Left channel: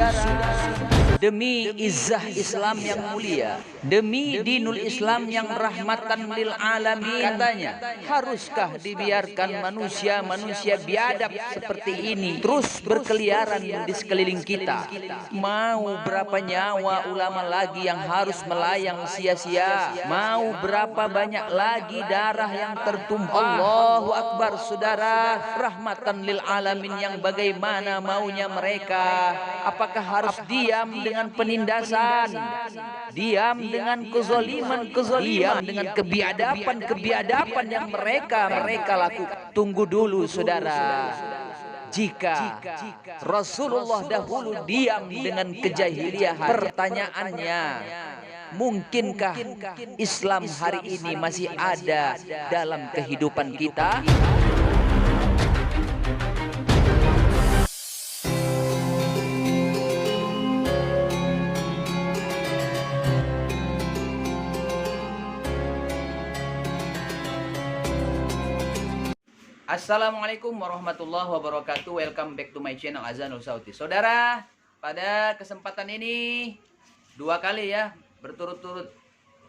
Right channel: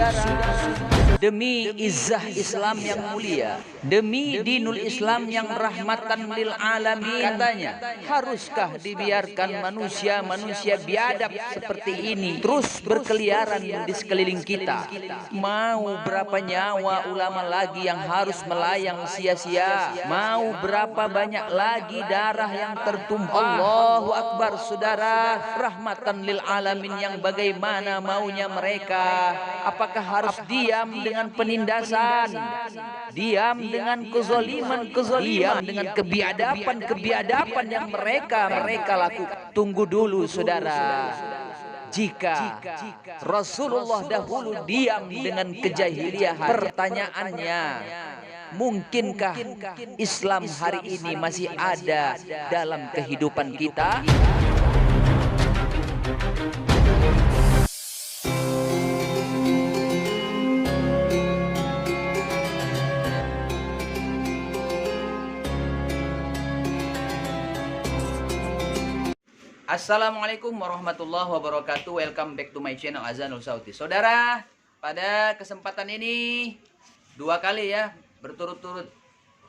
Saudara, demi izzah Islam yang mulia, demi dinul Islam yang rahmatan lil alamin, katanya, haruskah dibiarkan manusia-manusia biadab seperti ini terus berkeliaran di sekeliling kita? Mau berapa nyawa ulama lagi yang harus melayang sia-sia? Mau berapa banyak lagi darah yang tertumpah? Allahu Akbar, saudara. Rahmatan lil alamin yang bagaimana maunya mereka? Apakah harus diam dengan penindasan, diam dengan kezaliman, diam dengan kebiadapan yang mereka lakukan? Tunggu dulu, saudara. Jika Rasulullah dahulu diam dengan kejahiliahan, pertanyaannya, mungkinkah Islam hari ini masih ada dalam kehidupan kita? Assalamualaikum warahmatullahi wabarakatuh. Welcome back to my channel Azanul Sauti. Saudara, pada kesempatan ini dua kali ya berturut-turut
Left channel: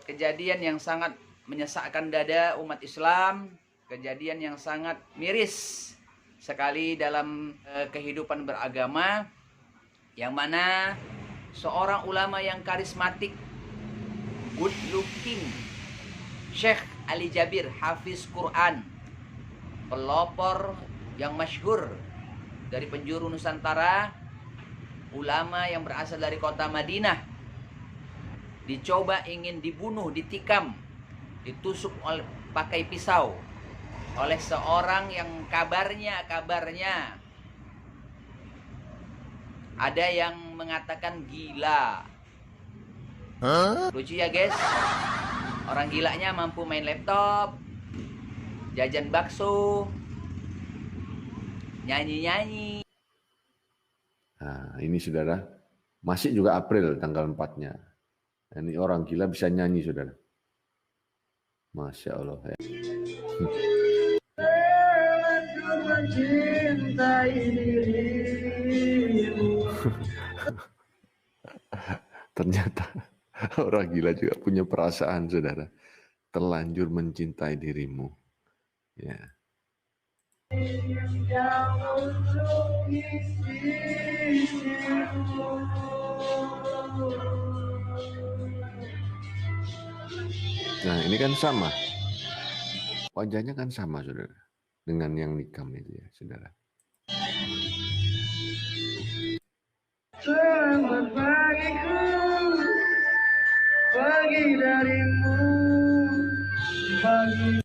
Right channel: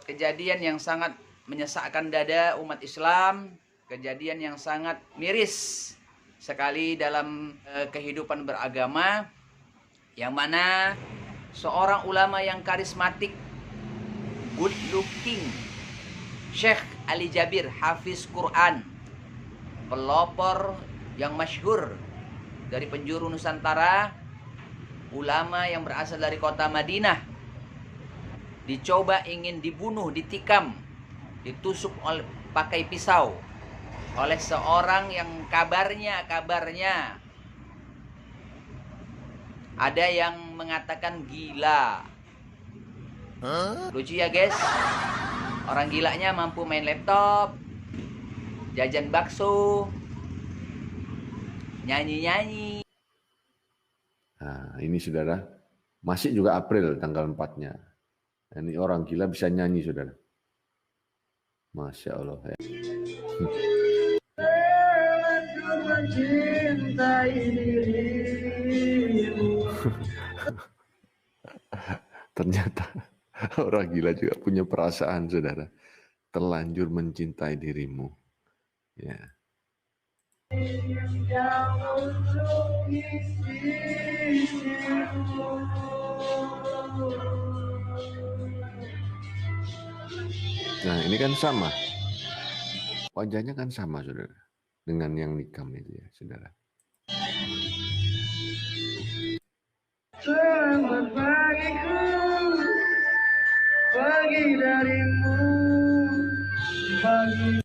kejadian yang sangat menyesakkan dada umat Islam, kejadian yang sangat miris sekali dalam kehidupan beragama, yang mana seorang ulama yang karismatik, good looking, Syekh Ali Jabir, Hafiz Quran, pelopor yang masyhur dari penjuru Nusantara, ulama yang berasal dari kota Madinah, dicoba ingin dibunuh, ditikam, ditusuk pakai pisau oleh seorang yang kabarnya ada yang mengatakan gila. Lucu ya guys, orang gilanya mampu main laptop, jajan bakso, nyanyi-nyanyi. Nah, ini saudara, masih juga April tanggal 4-nya. Ini orang gila bisa nyanyi, saudara. Masya Allah. Ya. Ternyata orang gila juga punya perasaan, saudara. Terlanjur mencintai dirimu. Ya. Nah, ini kan sama. Wajahnya kan sama, saudara. Dengan yang nikam itu ya, saudara. Selamat pagiku, pagi darimu, pagi.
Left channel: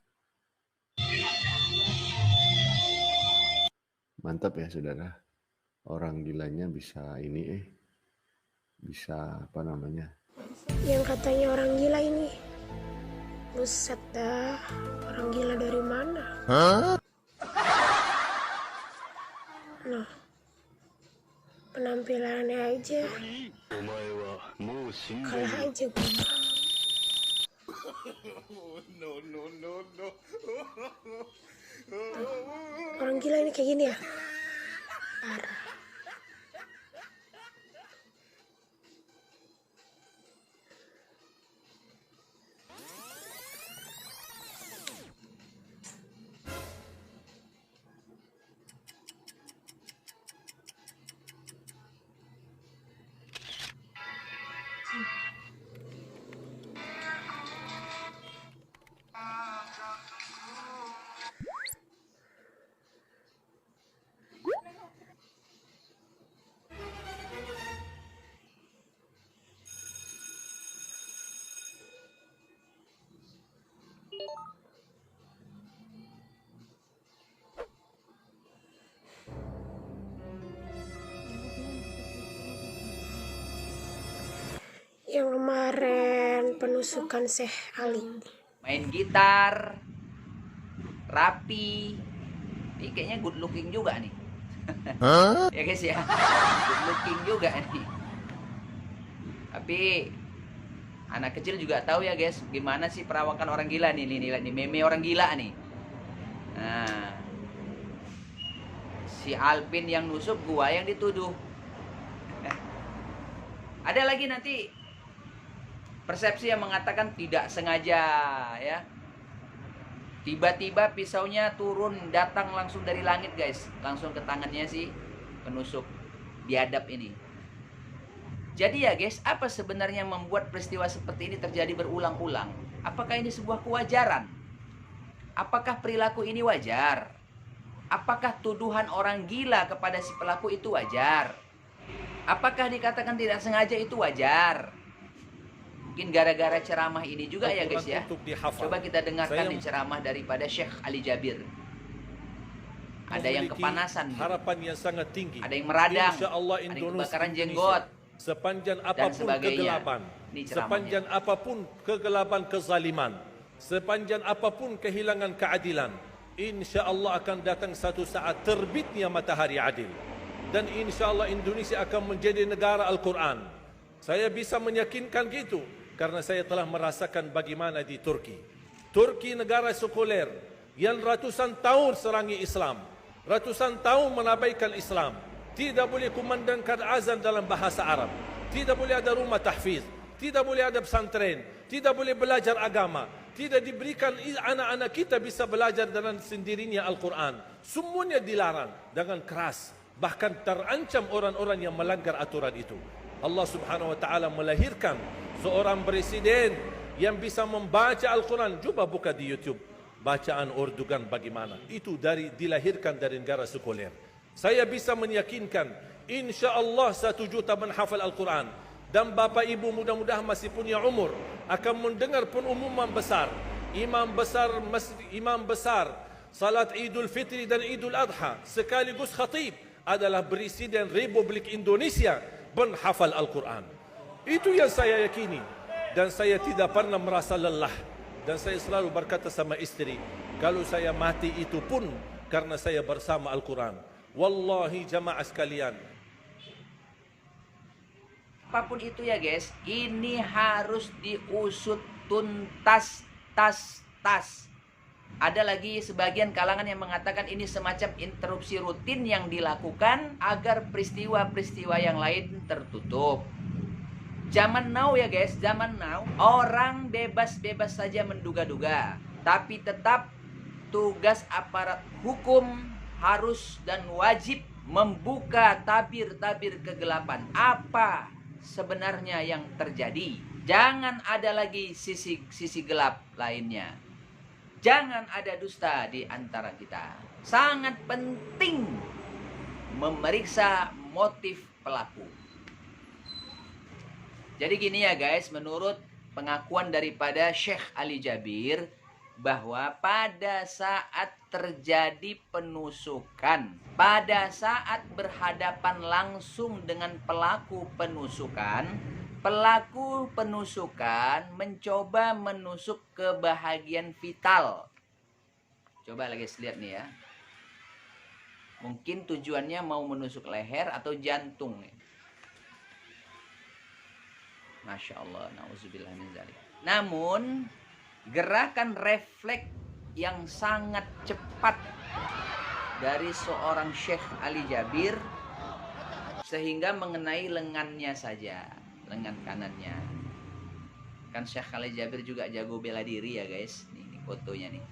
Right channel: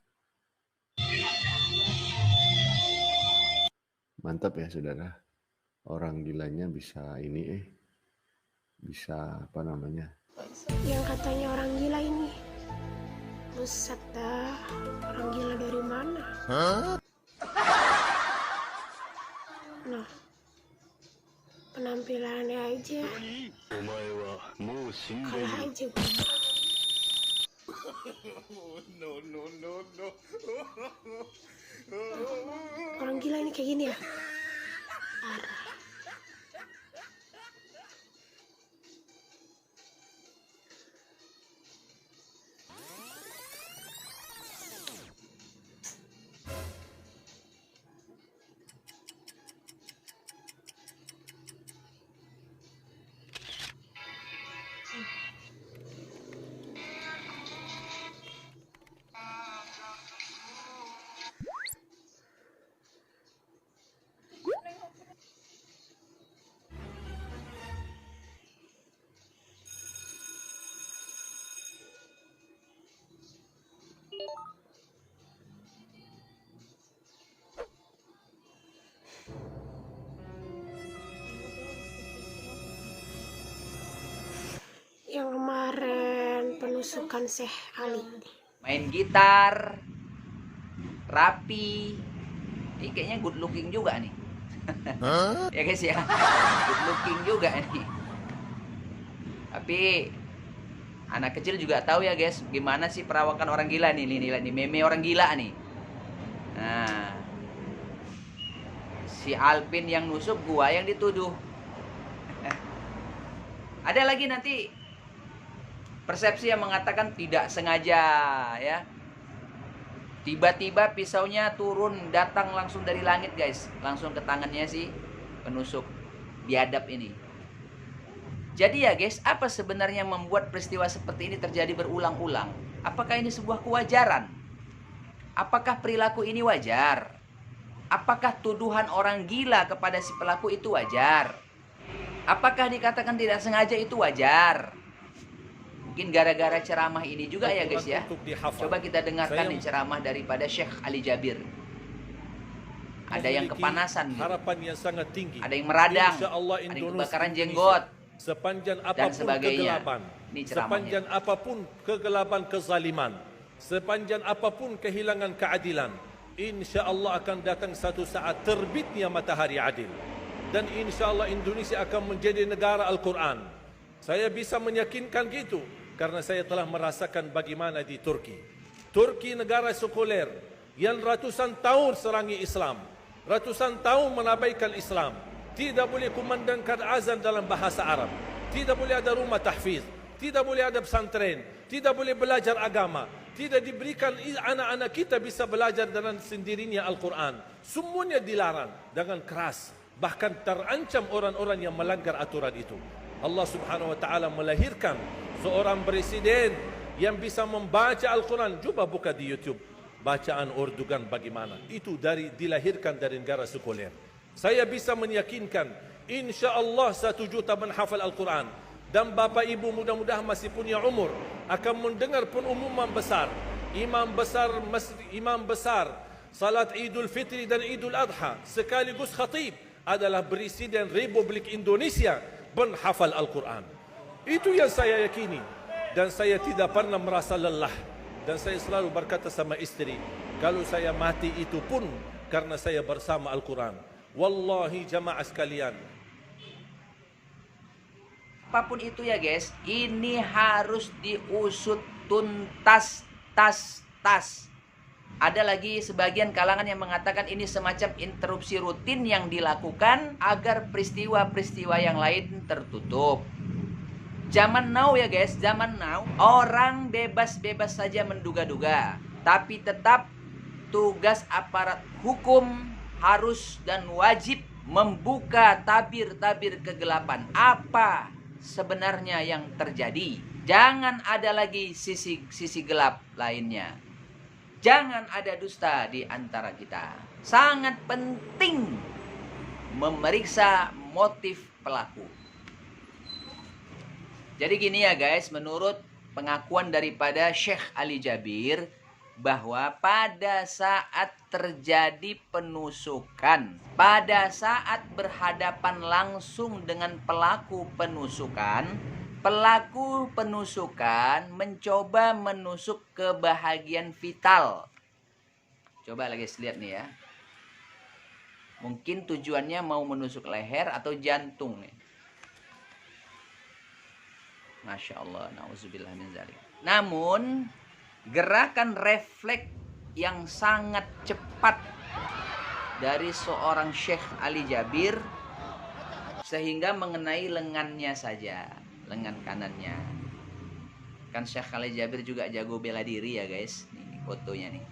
Mantap ya, saudara. Orang gilanya bisa ini bisa apa namanya? Yang katanya orang gila ini. Buset dah, orang gila dari mana? Nah, penampilannya aja kalah aja gue. Orang gila ini kayak gini ya? Parah. Yang kemarin penusukan Syekh Ali, main gitar, rapi, ini kayaknya good looking juga nih. Ya guys ya, good looking juga nih. Tapi anak kecil juga tahu ya guys, gimana sih perawakan orang gila nih, nih meme orang gila nih. Nah, si Alvin yang nusuk, gua yang dituduh. Ada lagi nanti persepsi yang mengatakan tidak sengaja, ya. Tiba-tiba pisaunya turun, datang langsung dari langit, guys. Langsung ke tangannya si penusuk biadab ini. Jadi ya guys, apa sebenarnya yang membuat peristiwa seperti ini terjadi berulang-ulang? Apakah ini sebuah kewajaran? Apakah perilaku ini wajar? Apakah tuduhan orang gila kepada si pelaku itu wajar? Apakah dikatakan tidak sengaja itu wajar? Mungkin gara-gara ceramah ini juga ya guys ya. Coba kita dengarkan nih ceramah daripada Syekh Ali Jabir. Ada yang kepanasan, harapan yang sangat tinggi. Ada yang meradang, Insyaallah ada yang Indonesia kebakaran jenggot, sepanjang apapun kegelapan, sepanjang apapun kegelapan kezaliman, sepanjang apapun kehilangan keadilan, insyaallah akan datang satu saat terbitnya matahari adil. Dan insyaallah Indonesia akan menjadi negara Al-Quran. Saya bisa meyakinkan gitu karena saya telah merasakan bagaimana di Turki. Turki negara sekuler yang ratusan tahun serangi Islam, ratusan tahun menabaikan Islam. Tidak boleh kumandangkan azan dalam bahasa Arab, tidak boleh ada rumah tahfiz, tidak boleh ada pesantren, tidak boleh belajar agama, tidak diberikan anak-anak kita bisa belajar dengan sendirinya Al-Quran. Semuanya dilarang dengan keras. Bahkan terancam orang-orang yang melanggar aturan itu. Allah Subhanahu wa taala melahirkan seorang presiden yang bisa membaca Al-Quran. Coba buka di YouTube bacaan Erdogan bagaimana. Itu dilahirkan dari negara sekuler. Saya bisa meyakinkan insyaallah 1 juta menghafal Al-Quran. Dan Bapak Ibu mudah-mudahan masih punya umur akan mendengar pengumuman besar. Imam besar salat Idul Fitri dan Idul Adha sekaligus khatib adalah Presiden Republik Indonesia menghafal Al-Quran. Itu yang saya yakini. Dan saya tidak pernah merasa lelah. Dan saya selalu berkata sama istri, kalau saya mati itu pun karena saya bersama Al-Quran. Wallahi jamaah sekalian. Apapun itu ya guys, ini harus diusut tuntas, tas. Ada lagi sebagian kalangan yang mengatakan ini semacam interupsi rutin yang dilakukan agar peristiwa-peristiwa yang lain tertutup. Zaman now ya guys, zaman now orang bebas-bebas saja menduga-duga. Tapi tetap tugas aparat hukum harus dan wajib membuka tabir-tabir kegelapan. Apa sebenarnya yang terjadi? Jangan ada lagi sisi gelap lainnya. Jangan ada dusta di antara kita. Sangat penting memeriksa motif pelaku. Jadi gini ya guys, menurut pengakuan daripada Syekh Ali Jabir, bahwa pada saat terjadi penusukan, pada saat berhadapan langsung dengan pelaku penusukan mencoba menusuk ke bahagian vital. Coba lagi lihat nih ya. Mungkin tujuannya mau menusuk leher atau jantung nih. Masya Allah, na'udzubillah min dzalik. Namun gerakan refleks yang sangat cepat dari seorang Syekh Ali Jabir sehingga mengenai lengannya saja, lengan kanannya. Kan Syekh Ali Jabir juga jago bela diri ya guys. Ini fotonya nih.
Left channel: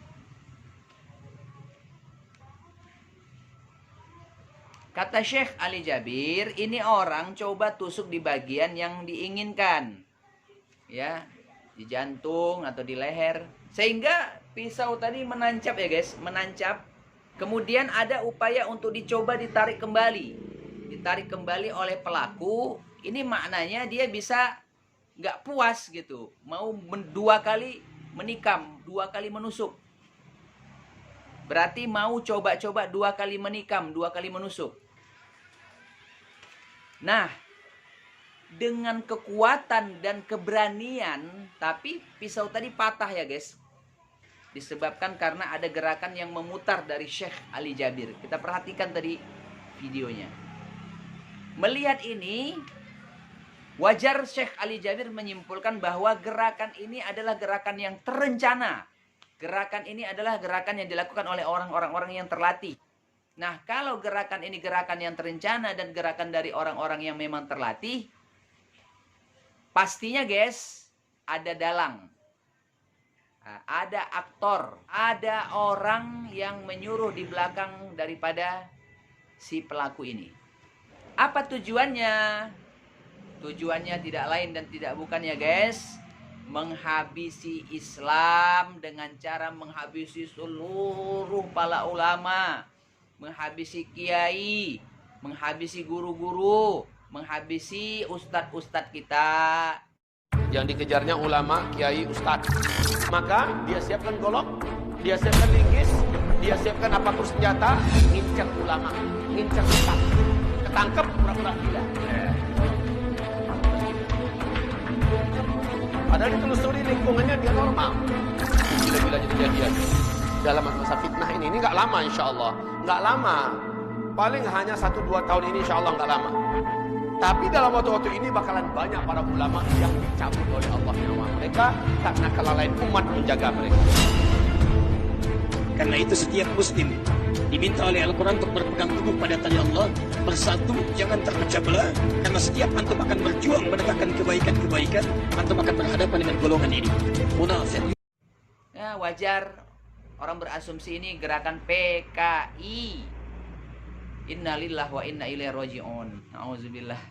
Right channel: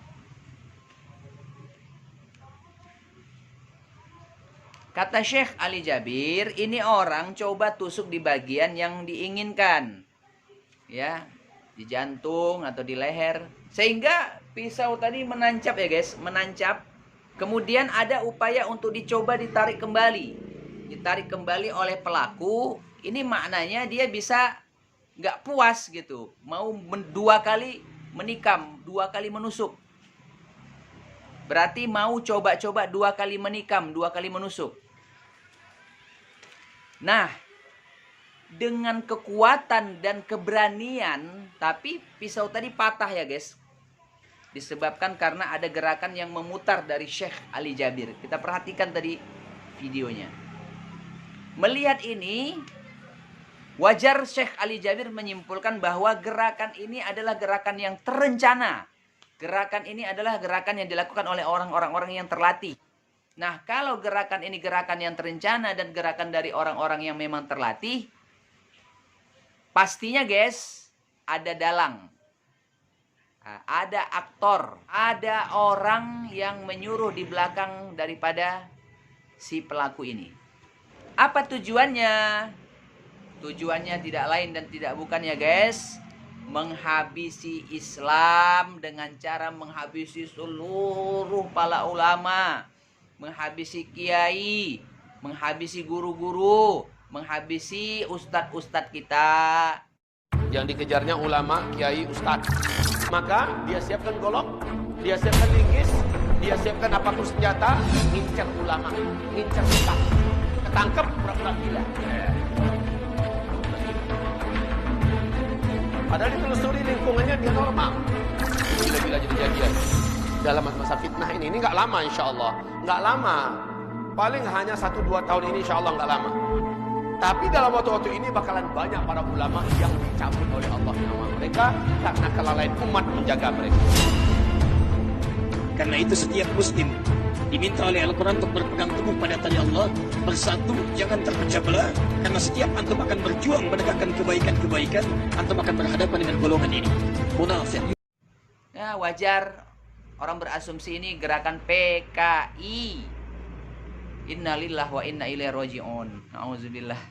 Kata Syekh Ali Jabir, ini orang coba tusuk di bagian yang diinginkan. Ya, di jantung atau di leher. Sehingga pisau tadi menancap ya guys, menancap. Kemudian ada upaya untuk dicoba ditarik kembali. Ditarik kembali oleh pelaku. Ini maknanya dia bisa nggak puas gitu. Mau 2 kali menikam, 2 kali menusuk. Berarti mau coba-coba 2 kali menikam, 2 kali menusuk. Nah, dengan kekuatan dan keberanian, tapi pisau tadi patah ya guys. Disebabkan karena ada gerakan yang memutar dari Syekh Ali Jabir. Kita perhatikan tadi videonya. Melihat ini, wajar Syekh Ali Jabir menyimpulkan bahwa gerakan ini adalah gerakan yang terencana. Gerakan ini adalah gerakan yang dilakukan oleh orang-orang yang terlatih. Nah, kalau gerakan ini gerakan yang terencana dan gerakan dari orang-orang yang memang terlatih, Pastinya guys, ada dalang, ada aktor, ada orang yang menyuruh di belakang daripada si pelaku ini. Apa tujuannya? Tujuannya tidak lain dan tidak bukan ya guys, menghabisi Islam dengan cara menghabisi seluruh para ulama, menghabisi kiai, menghabisi guru-guru, menghabisi ustadz-ustadz kita. Yang dikejarnya ulama, kiai, ustadz. Maka dia siapkan golok, dia siapkan linggis, dia siapkan apapun senjata, ngincar ulama, ngincar ustadz. Ketangkep pura-pura gila. Padahal ditelusuri lingkungannya dia normal. Gila-gila jadi-jadian. Dalam masa fitnah ini nggak lama insya Allah. Nggak lama. Paling hanya 1-2 tahun ini insya Allah nggak lama. Tapi dalam waktu-waktu ini bakalan banyak para ulama yang dicabut oleh Allah nyawa mereka karena kelalaian umat menjaga mereka. Karena itu setiap muslim diminta oleh Al-Quran untuk berpegang teguh pada tali Allah, bersatu, jangan terpecah belah. Karena setiap antum akan berjuang menegakkan kebaikan-kebaikan, antum akan berhadapan dengan golongan ini. Munafik. Ya wajar orang berasumsi ini gerakan PKI. Innalillahi wa inna ilaihi raji'un. Nauzubillah.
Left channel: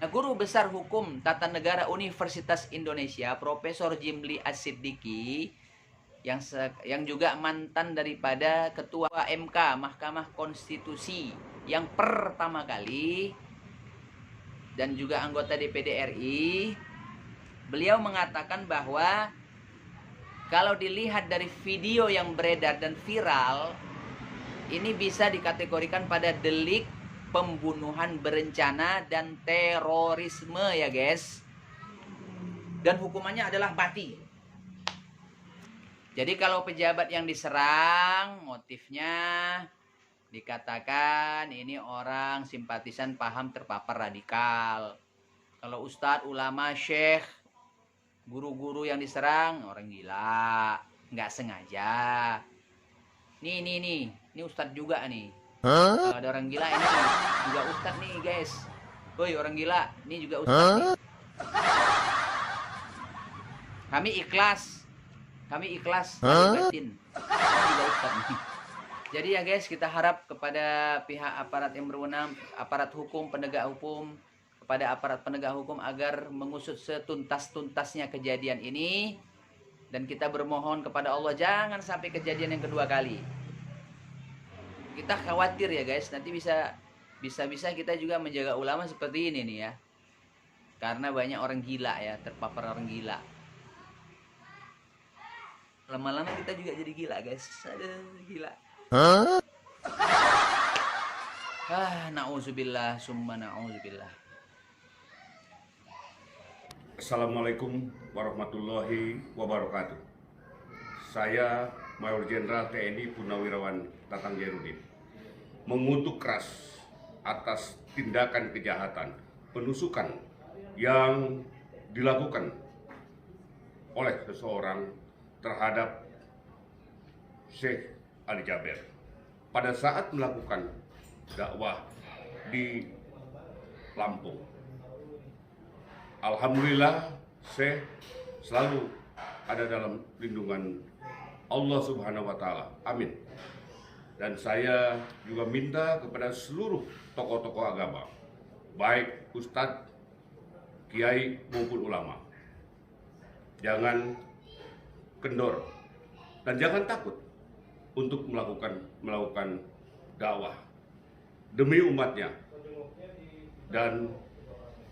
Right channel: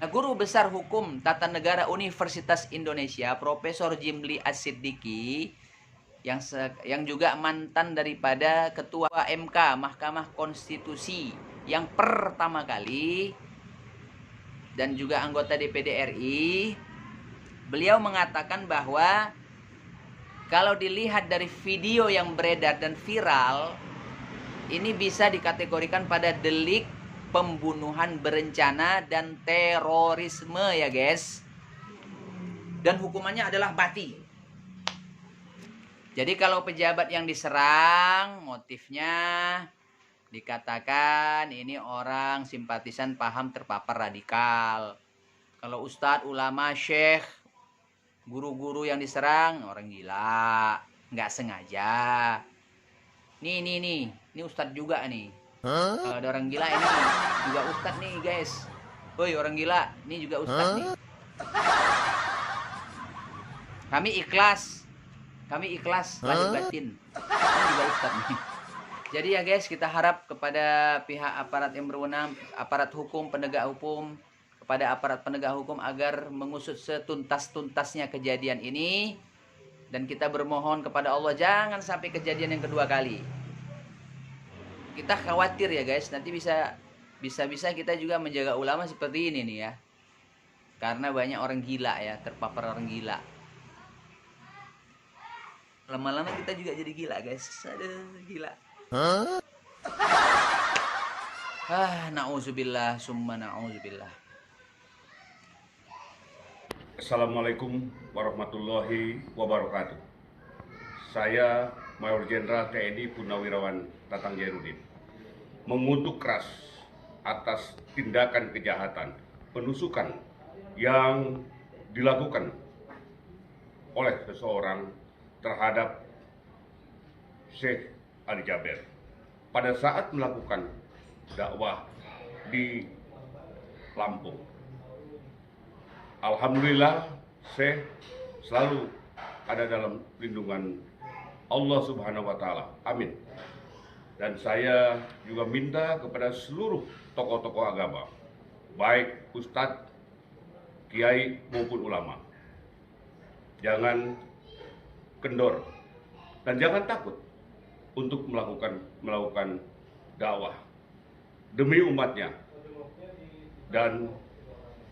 Nah, Guru Besar Hukum Tata Negara Universitas Indonesia, Profesor Jimli As-Siddiqi, yang juga mantan daripada Ketua MK Mahkamah Konstitusi yang pertama kali dan juga anggota DPD RI, beliau mengatakan bahwa kalau dilihat dari video yang beredar dan viral, ini bisa dikategorikan pada delik pembunuhan berencana dan terorisme ya guys. Dan hukumannya adalah mati. Jadi kalau pejabat yang diserang, motifnya dikatakan ini orang simpatisan paham terpapar radikal. Kalau ustadz, ulama, syekh, guru-guru yang diserang, orang gila, nggak sengaja. Nih, ini ustadz juga nih. Kalau ada orang gila ini juga ustadz nih guys. Woi orang gila, ini juga ustadz nih. Kami ikhlas, batin. Ini juga ustadz nih. Jadi ya guys, kita harap kepada pihak aparat yang berwenang, aparat hukum, penegak hukum, kepada aparat penegak hukum agar mengusut setuntas-tuntasnya kejadian ini. Dan kita bermohon kepada Allah jangan sampai kejadian yang kedua kali. Kita khawatir ya guys, nanti bisa kita juga menjaga ulama seperti ini nih ya. Karena banyak orang gila ya, terpapar orang gila. Lama-lama kita juga jadi gila guys. Aduh, gila. Na'udzubillah, summa na'udzubillah. Assalamualaikum warahmatullahi wabarakatuh. Saya Mayor Jenderal TNI Purnawirawan Tatang Jairudin mengutuk keras atas tindakan kejahatan penusukan yang dilakukan oleh seseorang terhadap Syekh Ali Jaber pada saat melakukan dakwah di Lampung. Alhamdulillah, Syekh selalu ada dalam lindungan Allah Subhanahu wa Ta'ala. Amin. Dan saya juga minta kepada seluruh tokoh-tokoh agama, baik ustadz, kiai maupun ulama, jangan kendor dan jangan takut untuk melakukan dakwah demi umatnya. Dan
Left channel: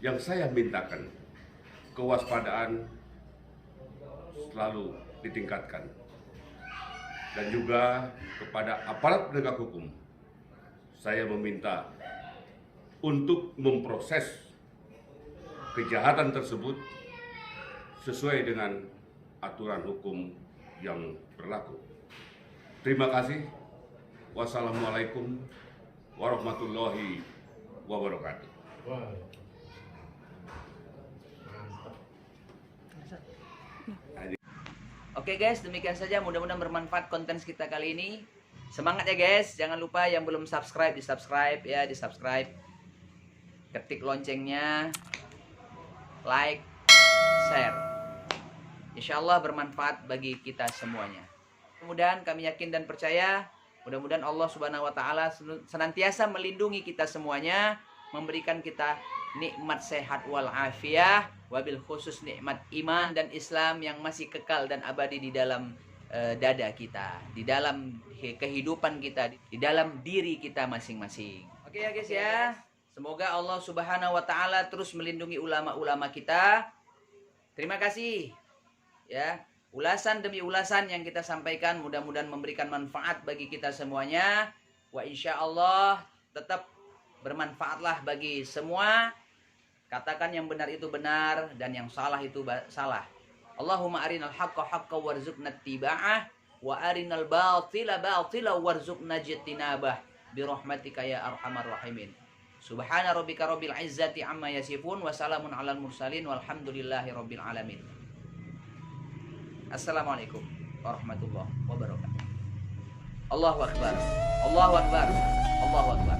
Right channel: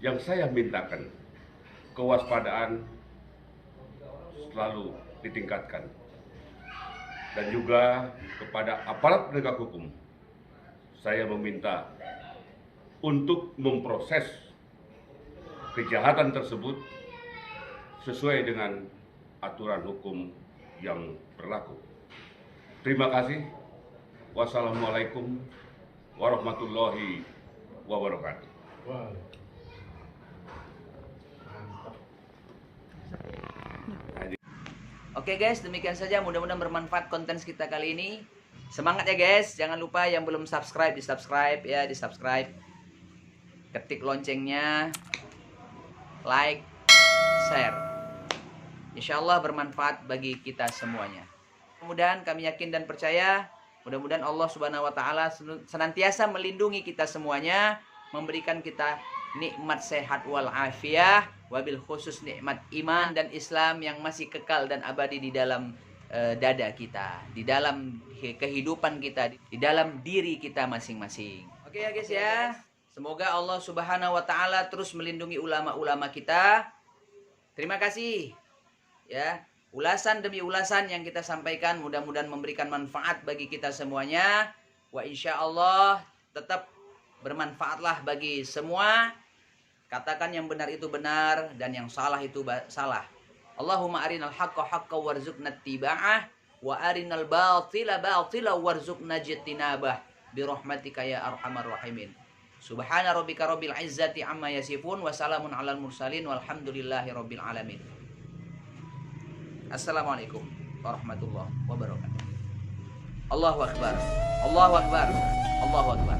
yang saya mintakan, kewaspadaan selalu ditingkatkan. Dan juga kepada aparat penegak hukum, saya meminta untuk memproses kejahatan tersebut sesuai dengan aturan hukum yang berlaku. Terima kasih. Wassalamualaikum warahmatullahi wabarakatuh. Oke guys, demikian saja, mudah-mudahan bermanfaat konten kita kali ini. Semangat ya guys, jangan lupa yang belum subscribe di subscribe ya, di subscribe. Ketik loncengnya, like, share. Insya Allah bermanfaat bagi kita semuanya. Mudah-mudahan kami yakin dan percaya, mudah-mudahan Allah Subhanahu wa taala senantiasa melindungi kita semuanya, memberikan kita nikmat sehat wal afiah, wabil khusus nikmat iman dan Islam yang masih kekal dan abadi di dalam dada kita, di dalam kehidupan kita, di dalam diri kita masing-masing. Oke ya guys ya. Semoga Allah Subhanahu wa taala terus melindungi ulama-ulama kita. Terima kasih. Ya, ulasan demi ulasan yang kita sampaikan mudah-mudahan memberikan manfaat bagi kita semuanya. Wa insyaallah tetap bermanfaatlah bagi semua. Katakan yang benar itu benar dan yang salah itu salah. Allahumma arinal haqqa haqqan warzuqna ittiba'ah wa arinal batila batila warzuqna ijtinabah bi rahmatika ya arhamar rahimin. Subhana rabbika rabbil izzati amma yasifun wa salamun alal mursalin walhamdulillahi rabbil alamin. Assalamualaikum warahmatullahi wabarakatuh. Allahu akbar. Allahu akbar. Allahu akbar.